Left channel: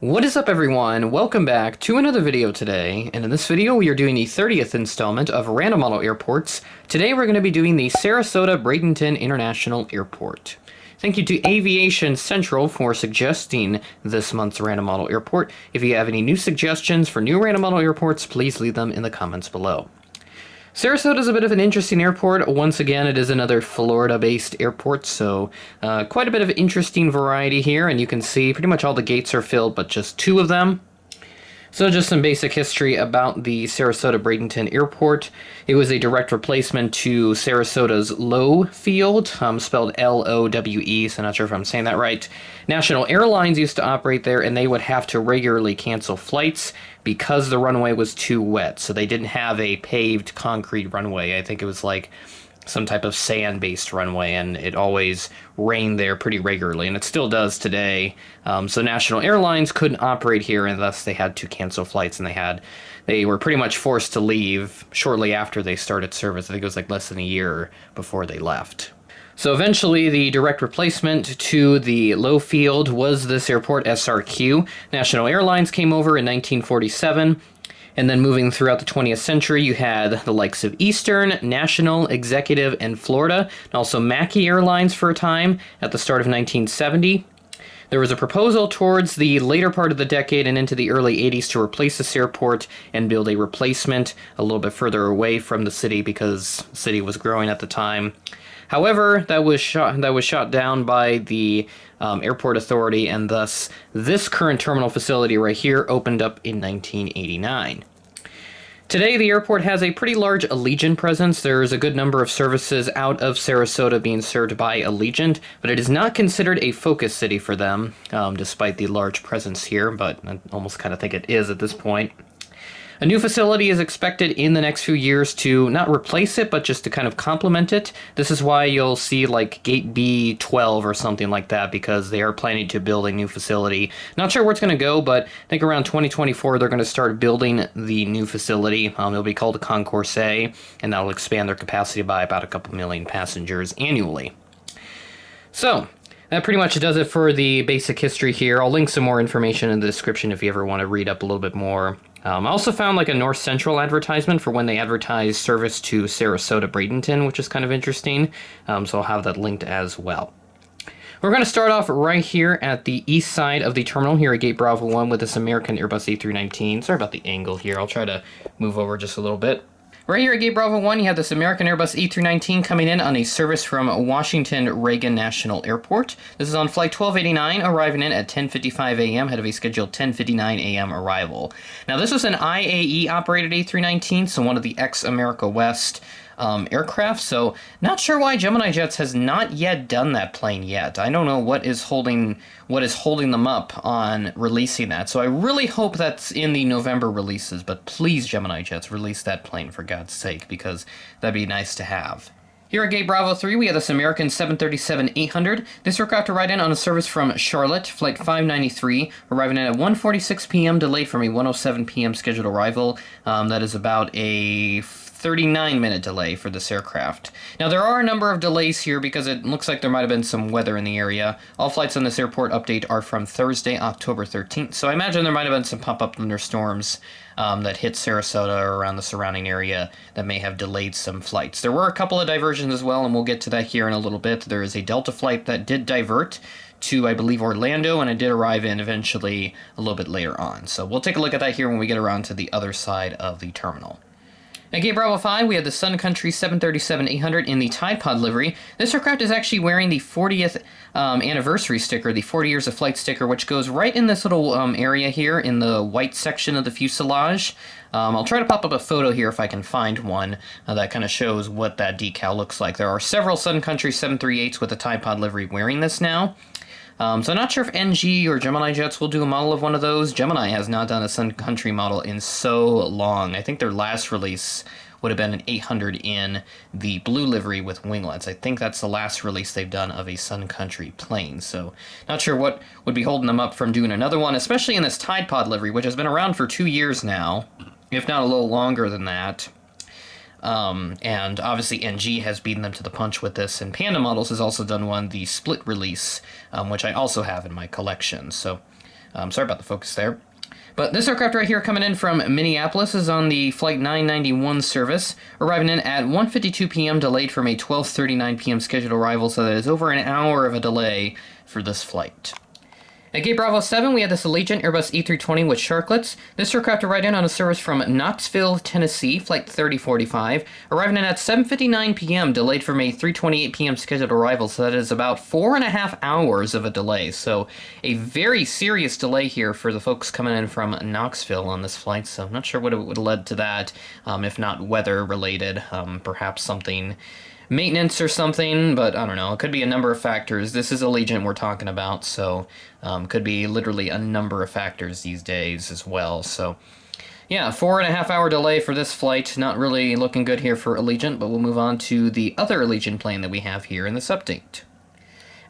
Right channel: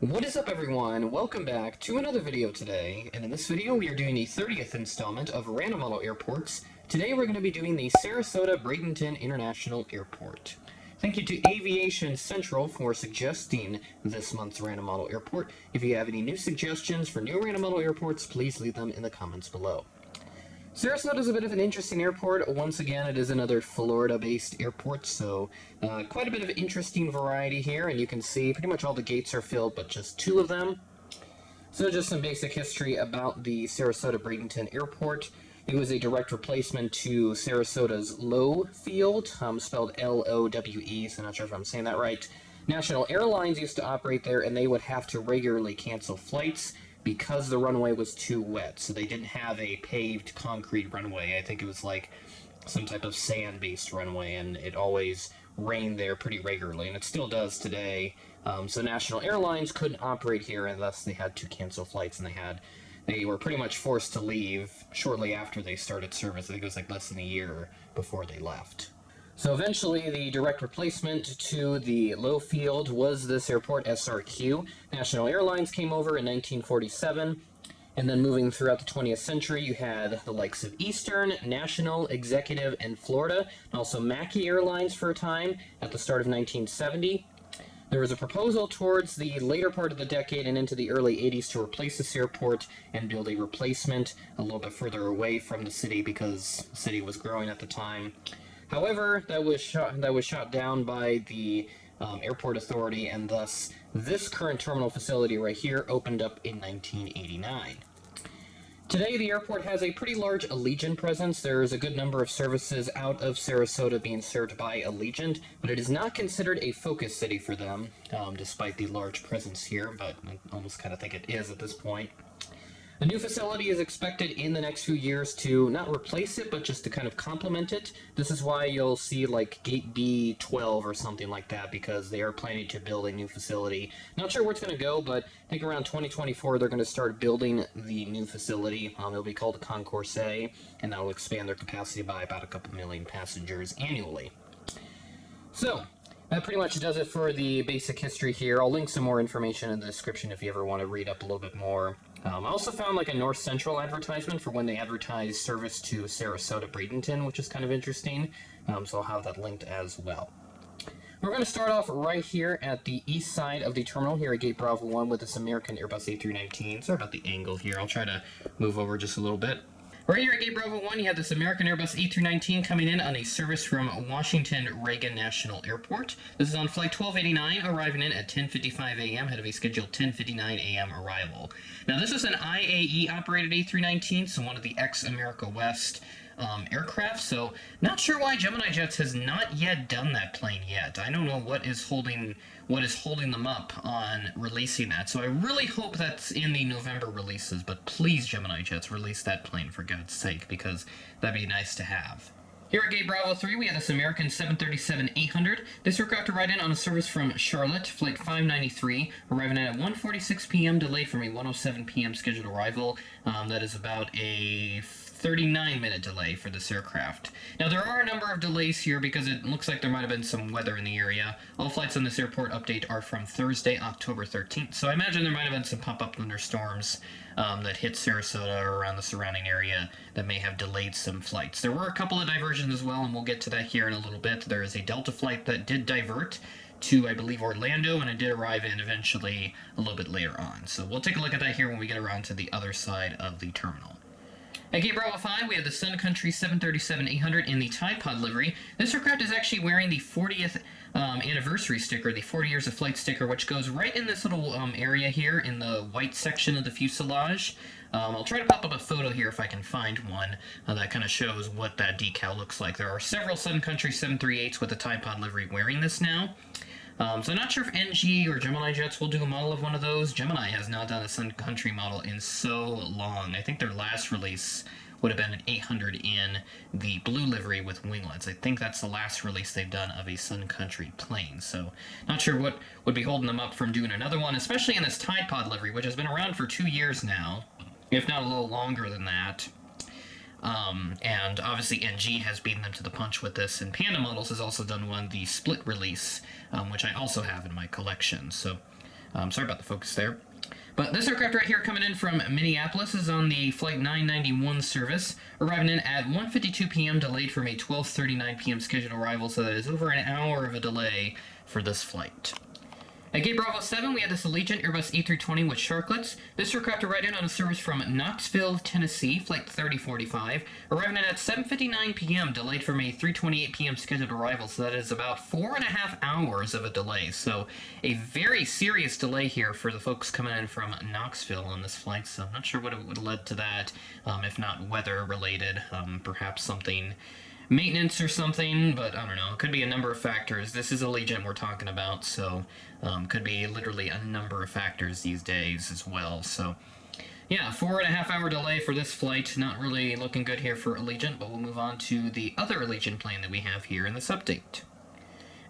What is up, everyone? Welcome back to another video today, and in this video we are doing the 30th installment of Random Model Airports. Today we're going to be doing the Sarasota-Bradenton International Airport. Thank you to Aviation Central for suggesting this month's Random Model Airport. If you have any new suggestions for new Random Model Airports, please leave them in the comments below. Sarasota is a bit of an interesting airport. Once again, it is another Florida-based airport, so quite a bit of interesting variety here, and you can see pretty much all the gates are filled, but just two of them. So just some basic history about the Sarasota-Bradenton Airport. It was a direct replacement to Sarasota's Low Field, spelled L-O-W-E, so not sure if I'm saying that right. National Airlines used to operate there, and they would have to regularly cancel flights because the runway was too wet. So they didn't have a paved concrete runway. I think it was like some type of sand-based runway, and it always rained there pretty regularly, and it still does today. So National Airlines couldn't operate here, and thus they had to cancel flights, and they were pretty much forced to leave shortly after they started service. I think it was like less than a year before they left. So eventually, the direct replacement to the Low Field was this airport, SRQ. National Airlines came over in 1947. And then moving throughout the 20th century, you had the likes of Eastern, National, Executive, and Florida, and also Mackey Airlines for a time at the start of 1970. There was a proposal towards the later part of the decade and into the early 80s to replace this airport and build a replacement a little bit further away from the city because the city was growing at the time. However, that was shot down by the airport authority, and thus this current terminal facility right here opened up in 1989. Today, the airport has a pretty large Allegiant presence. There's a good number of services out of Sarasota being served by Allegiant, but it is not considered a focus city for them, despite the large presence here, but I almost kind of think it is at this point. A new facility is expected in the next few years to not replace it, but just to kind of complement it. This is why you'll see like Gate B12 or something like that, because they are planning to build a new facility. Not sure where it's going to go, but I think around 2024 they're going to start building the new facility. It'll be called the Concourse A, and that'll expand their capacity by about a couple million passengers annually. So, that pretty much does it for the basic history here. I'll link some more information in the description if you ever want to read up a little bit more. I also found like a North Central advertisement for when they advertise service to Sarasota-Bradenton, which is kind of interesting. So I'll have that linked as well. We're going to start off right here at the east side of the terminal here at Gate Bravo 1 with this American Airbus A319. Sorry about the angle here. I'll try to move over just a little bit. Right here at Gate Bravo 1, you have this American Airbus A319 coming in on a service from Washington Reagan National Airport. This is on flight 1289, arriving in at 10:55 a.m., ahead of a scheduled 10:59 a.m. arrival. Now, this is an IAE-operated A319, so one of the ex-America West aircraft, so not sure why Gemini Jets has not yet done that plane yet. I don't know what is holding them up on releasing that, so I really hope that's in the November releases, but please, Gemini Jets, release that plane for God's sake, because that'd be nice to have. Here at Gate Bravo 3, we have this American 737-800. This aircraft arrived in on a service from Charlotte, flight 593, arriving in at 1:46 p.m., delayed from a 1:07 p.m. scheduled arrival. That is about a 39-minute delay for this aircraft. Now, there are a number of delays here because it looks like there might have been some weather in the area. All flights on this airport update are from Thursday, October 13th, so I imagine there might have been some pop-up thunderstorms that hit Sarasota or around the surrounding area that may have delayed some flights. There were a couple of diversions as well, and we'll get to that here in a little bit. There is a Delta flight that did divert to, I believe, Orlando, and it did arrive in eventually a little bit later on. So we'll take a look at that here when we get around to the other side of the terminal. At Gate Bravo 5, we have the Sun Country 737-800 in the Tide Pod livery. This aircraft is actually wearing the 40th anniversary sticker, the 40 years of flight sticker, which goes right in this little area here in the white section of the fuselage. I'll try to pop up a photo here if I can find one that kind of shows what that decal looks like. There are several Sun Country 738s with the Tide Pod livery wearing this now. So I'm not sure if NG or Gemini Jets will do a model of one of those. Gemini has not done a Sun Country model in so long. I think their last release would have been an 800 in the blue livery with winglets. I think that's the last release they've done of a Sun Country plane. So not sure what would be holding them up from doing another one, especially in this Tide Pod livery, which has been around for 2 years now, if not a little longer than that. And obviously NG has beaten them to the punch with this, and Panda Models has also done one, the split release, which I also have in my collection. So Sorry about the focus there. But this aircraft right here coming in from Minneapolis is on the Flight 991 service, arriving in at 1:52 p.m. delayed from a 12:39 p.m. scheduled arrival, so that is over an hour of a delay for this flight. At Gate Bravo 7, we had this Allegiant Airbus E320 with sharklets. This aircraft arrived in on a service from Knoxville, Tennessee, Flight 3045, arriving in at 7:59 p.m., delayed from a 3:28 p.m. scheduled arrival, so that is about 4.5 hours of a delay. So a very serious delay here for the folks coming in from Knoxville on this flight, so I'm not sure what it would have led to that, if not weather-related, perhaps something maintenance or something, but I don't know. It could be a number of factors. This is Allegiant we're talking about, so could be literally a number of factors these days as well. So yeah, 4.5 hour delay for this flight. Not really looking good here for Allegiant, but we'll move on to the other Allegiant plane that we have here in this update.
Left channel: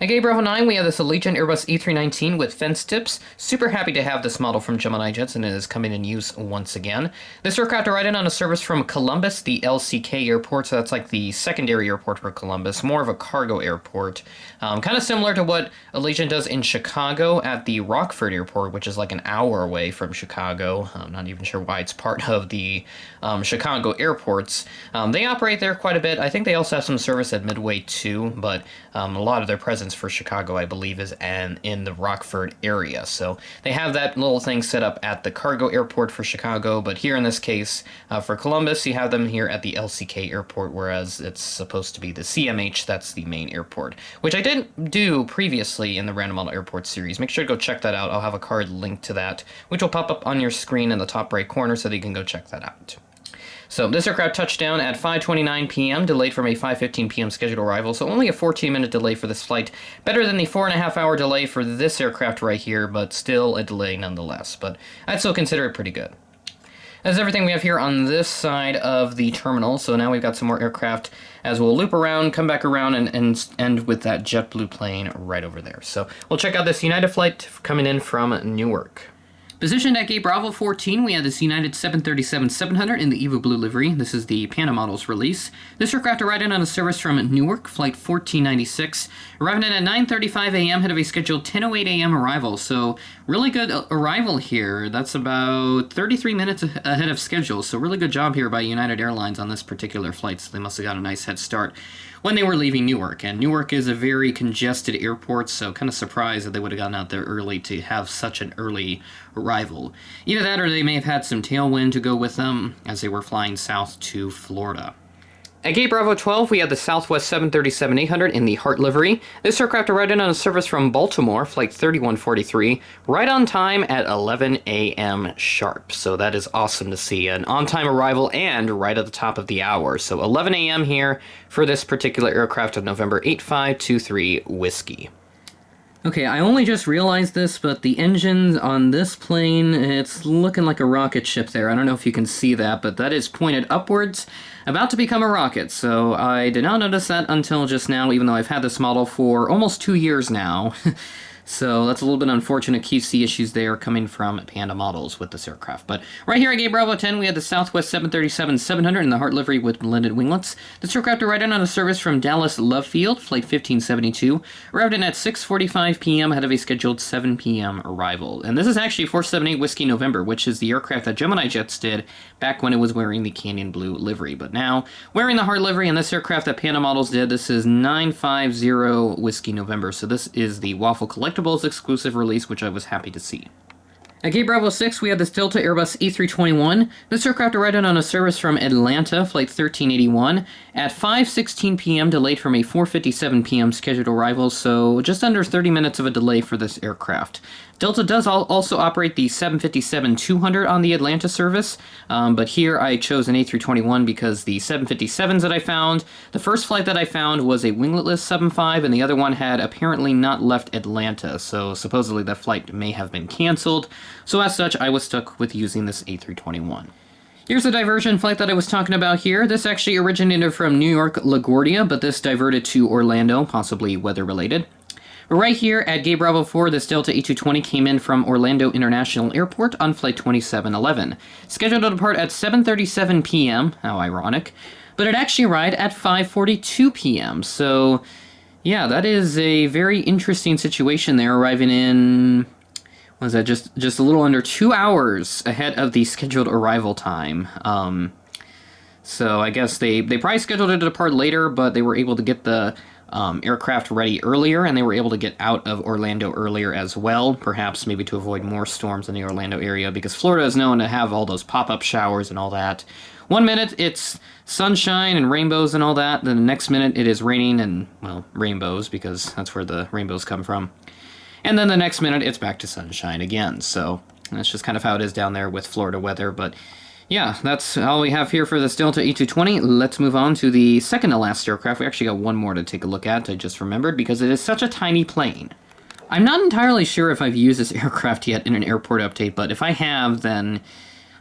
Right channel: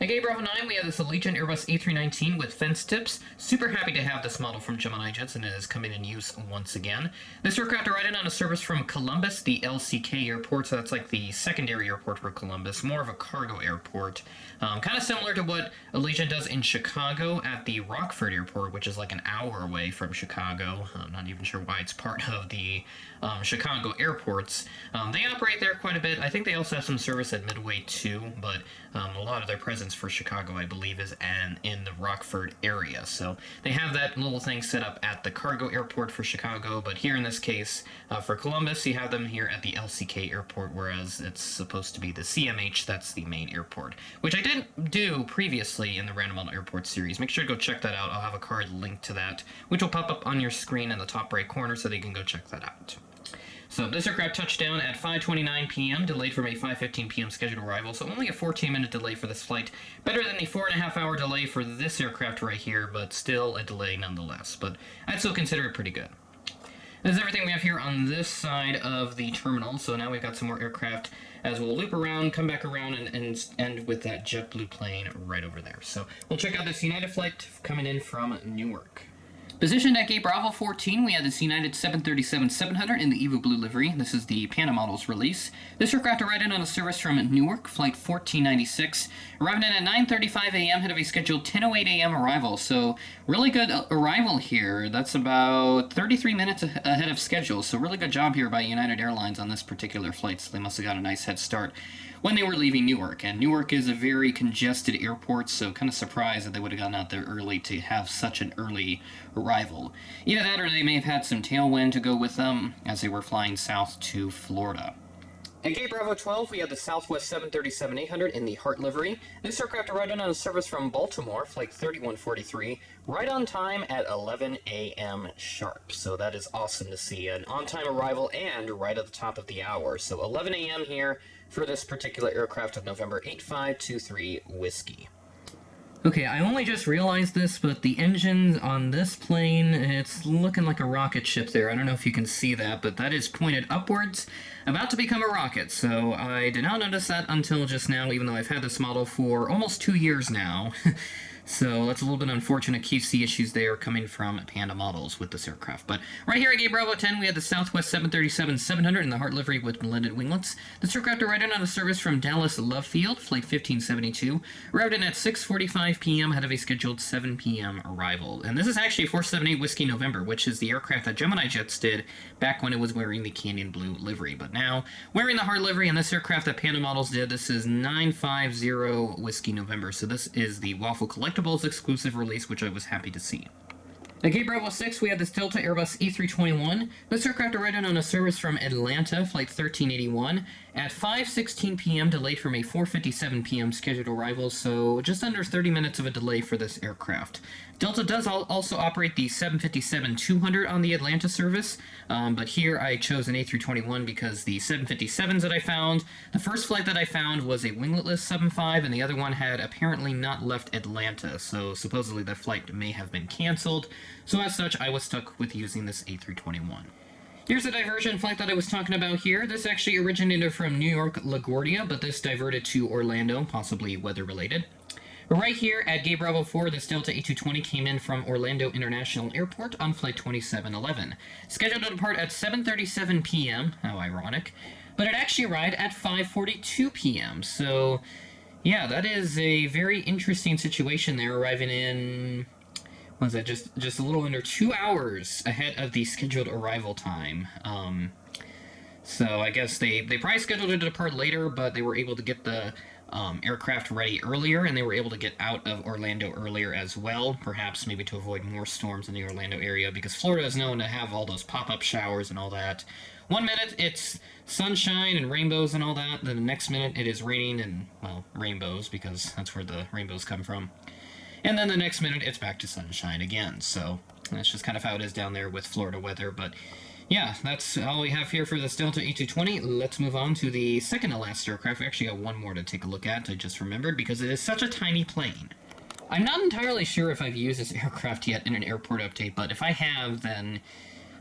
At Gate Bravo 9, we have this Allegiant Airbus E319 with fence tips. Super happy to have this model from Gemini Jets, and it is coming in use once again. This aircraft arrived in on a service from Columbus, the LCK airport, so that's like the secondary airport for Columbus, more of a cargo airport. Kind of similar to what Allegiant does in Chicago at the Rockford airport, which is like an hour away from Chicago. I'm not even sure why it's part of the Chicago airports. They operate there quite a bit. I think they also have some service at Midway too, but a lot of their presence for Chicago, I believe, is in the Rockford area. So they have that little thing set up at the cargo airport for Chicago, but here in this case, for Columbus, you have them here at the LCK airport, whereas it's supposed to be the CMH, that's the main airport, which I didn't do previously in the Random Model Airport series. Make sure to go check that out. I'll have a card linked to that, which will pop up on your screen in the top right corner so that you can go check that out. So this aircraft touched down at 5:29 p.m., delayed from a 5:15 p.m. scheduled arrival, so only a 14-minute delay for this flight. Better than the 4.5 hour delay for this aircraft right here, but still a delay nonetheless. But I'd still consider it pretty good. That's everything we have here on this side of the terminal, so now we've got some more aircraft as we'll loop around, come back around, and end with that JetBlue plane right over there. So we'll check out this United flight coming in from Newark. Positioned at Gate Bravo 14, we have this United 737-700 in the Evo Blue livery. This is the Panda Models release. This aircraft arrived in on a service from Newark, Flight 1496, arriving in at 9:35 a.m., ahead of a scheduled 10:08 a.m. arrival. So really good arrival here. That's about 33 minutes ahead of schedule. So really good job here by United Airlines on this particular flight. So they must have got a nice head start when they were leaving Newark. And Newark is a very congested airport, so kind of surprised that they would have gotten out there early to have such an early arrival. Either that or they may have had some tailwind to go with them as they were flying south to Florida. At Gate Bravo 12, we had the Southwest 737-800 in the Heart livery. This aircraft arrived in on a service from Baltimore, Flight 3143, right on time at 11 a.m. sharp. So that is awesome to see. An on-time arrival and right at the top of the hour. So 11 a.m. here for this particular aircraft of November 8523 Whiskey. Okay, I only just realized this, but the engine on this plane, it's looking like a rocket ship there. I don't know if you can see that, but that is pointed upwards, about to become a rocket. So I did not notice that until just now, even though I've had this model for almost 2 years now. So that's a little bit unfortunate QC issues there coming from Panda Models with this aircraft. But right here at Gate Bravo 10, we had the Southwest 737-700 in the Heart livery with blended winglets. This aircraft arrived in on a service from Dallas Love Field, Flight 1572, arrived in at 6:45 p.m. ahead of a scheduled 7 p.m. arrival. And this is actually 478 Whiskey November, which is the aircraft that Gemini Jets did back when it was wearing the Canyon Blue livery. But now, wearing the Heart livery, and this aircraft that Panda Models did, this is 950 Whiskey November. So this is the Waffle Collectibles exclusive release, which I was happy to see. At Gate Bravo 6, we have this Delta Airbus E321. This aircraft arrived on a service from Atlanta, Flight 1381, at 5:16 p.m., delayed from a 4:57 p.m. scheduled arrival, so just under 30 minutes of a delay for this aircraft. Delta does also operate the 757-200 on the Atlanta service, but here I chose an A321 because the 757s that I found, the first flight that I found was a wingletless 75, and the other one had apparently not left Atlanta, so supposedly that flight may have been canceled. So as such, I was stuck with using this A321. Here's the diversion flight that I was talking about here. This actually originated from New York LaGuardia, but this diverted to Orlando, possibly weather-related. But right here at Gate Bravo 4, this Delta E220 came in from Orlando International Airport on Flight 2711. Scheduled to depart at 7:37 p.m., how ironic, but it actually arrived at 5:42 p.m., so yeah, that is a very interesting situation there, arriving in was that just a little under 2 hours ahead of the scheduled arrival time. So I guess they probably scheduled it to depart later, but they were able to get the aircraft ready earlier, and they were able to get out of Orlando earlier as well, perhaps maybe to avoid more storms in the Orlando area, because Florida is known to have all those pop-up showers and all that. 1 minute it's sunshine and rainbows and all that, then the next minute it is raining and, well, rainbows, because that's where the rainbows come from. And then the next minute it's back to sunshine again, so that's just kind of how it is down there with Florida weather. But yeah, that's all we have here for this Delta E220. Let's move on to the second to last aircraft. We actually got one more to take a look at, I just remembered, because it is such a tiny plane. I'm not entirely sure if I've used this aircraft yet in an airport update, but if I have, then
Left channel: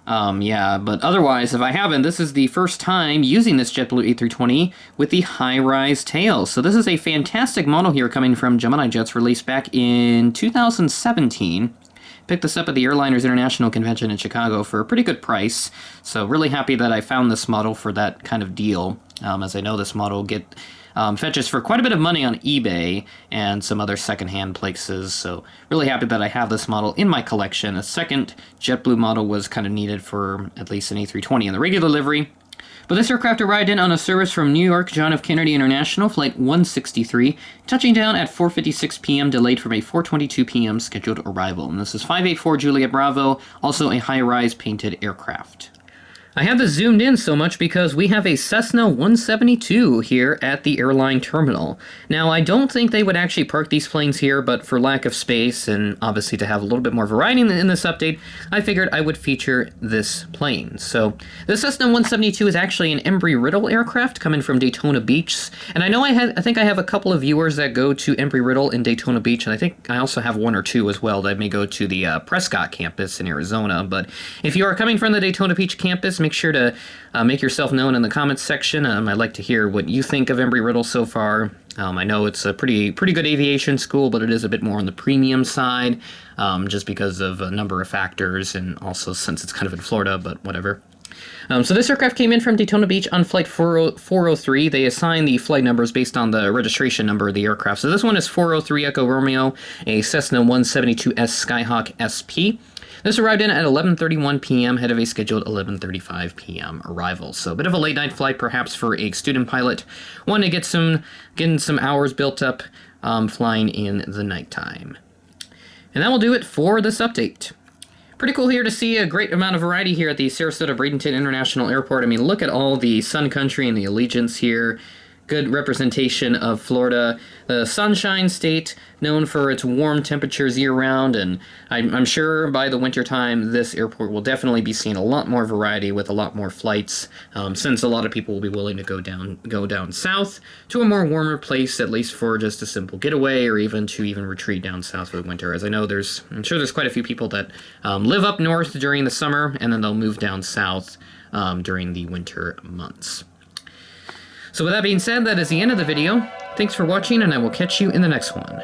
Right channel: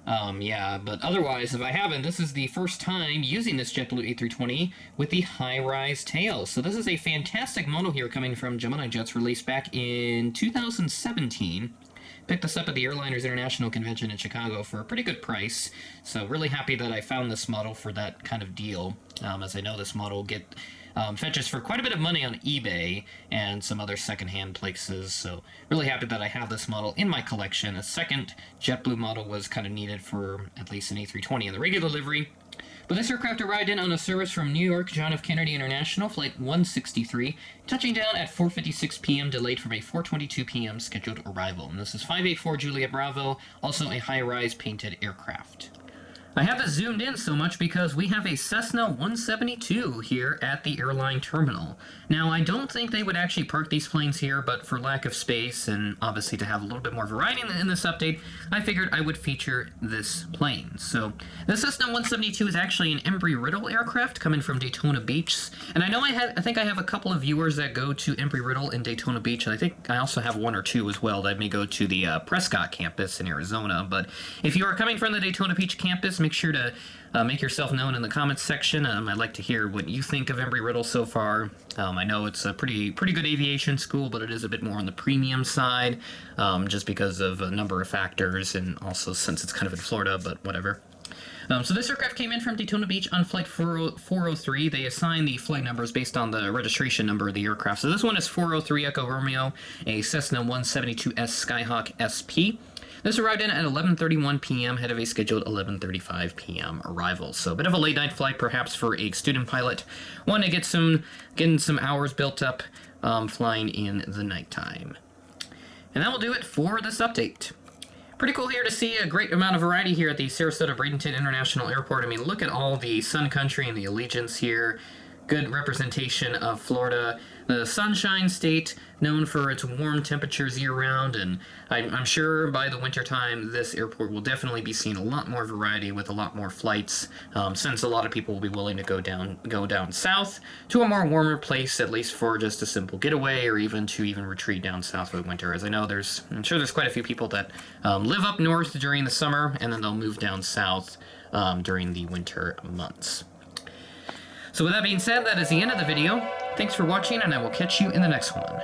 yeah, but otherwise, if I haven't, this is the first time using this JetBlue A320 with the high-rise tail. So this is a fantastic model here coming from Gemini Jets, released back in 2017. Picked this up at the Airliners International Convention in Chicago for a pretty good price, so really happy that I found this model for that kind of deal, as I know this model fetches for quite a bit of money on eBay and some other secondhand places, so really happy that I have this model in my collection. A second JetBlue model was kind of needed for at least an A320 in the regular livery. But this aircraft arrived in on a service from New York John F. Kennedy International, Flight 163, touching down at 4:56 p.m., delayed from a 4:22 p.m. scheduled arrival. And this is 584 Juliet Bravo, also a high-rise painted aircraft. I have this zoomed in so much because we have a Cessna 172 here at the airline terminal. Now, I don't think they would actually park these planes here, but for lack of space and obviously to have a little bit more variety in this update, I figured I would feature this plane. So, the Cessna 172 is actually an Embry-Riddle aircraft coming from Daytona Beach. And I know I think I have a couple of viewers that go to Embry-Riddle in Daytona Beach, and I think I also have one or two as well that may go to the Prescott campus in Arizona. But if you are coming from the Daytona Beach campus, make sure to make yourself known in the comments section. I'd like to hear what you think of Embry-Riddle so far. I know it's a pretty good aviation school, but it is a bit more on the premium side, just because of a number of factors, and also since it's kind of in Florida, but whatever. So this aircraft came in from Daytona Beach on Flight 403. They assign the flight numbers based on the registration number of the aircraft. So this one is 403 Echo Romeo, a Cessna 172S Skyhawk SP. This arrived in at 11:31 p.m. ahead of a scheduled 11:35 p.m. arrival. So a bit of a late night flight, perhaps for a student pilot. Want to getting some hours built up flying in the nighttime. And that will do it for this update. Pretty cool here to see a great amount of variety here at the Sarasota-Bradenton International Airport. I mean, look at all the Sun Country and the Allegiance here. Good representation of Florida, the Sunshine State, known for its warm temperatures year-round, and I'm sure by the wintertime this airport will definitely be seeing a lot more variety with a lot more flights, since a lot of people will be willing to go down south to a more warmer place, at least for just a simple getaway, or even to retreat down south for the winter. As I know, I'm sure there's quite a few people that live up north during the summer, and then they'll move down south during the winter months. So with that being said, that is the end of the video. Thanks for watching, and I will catch you in the next one.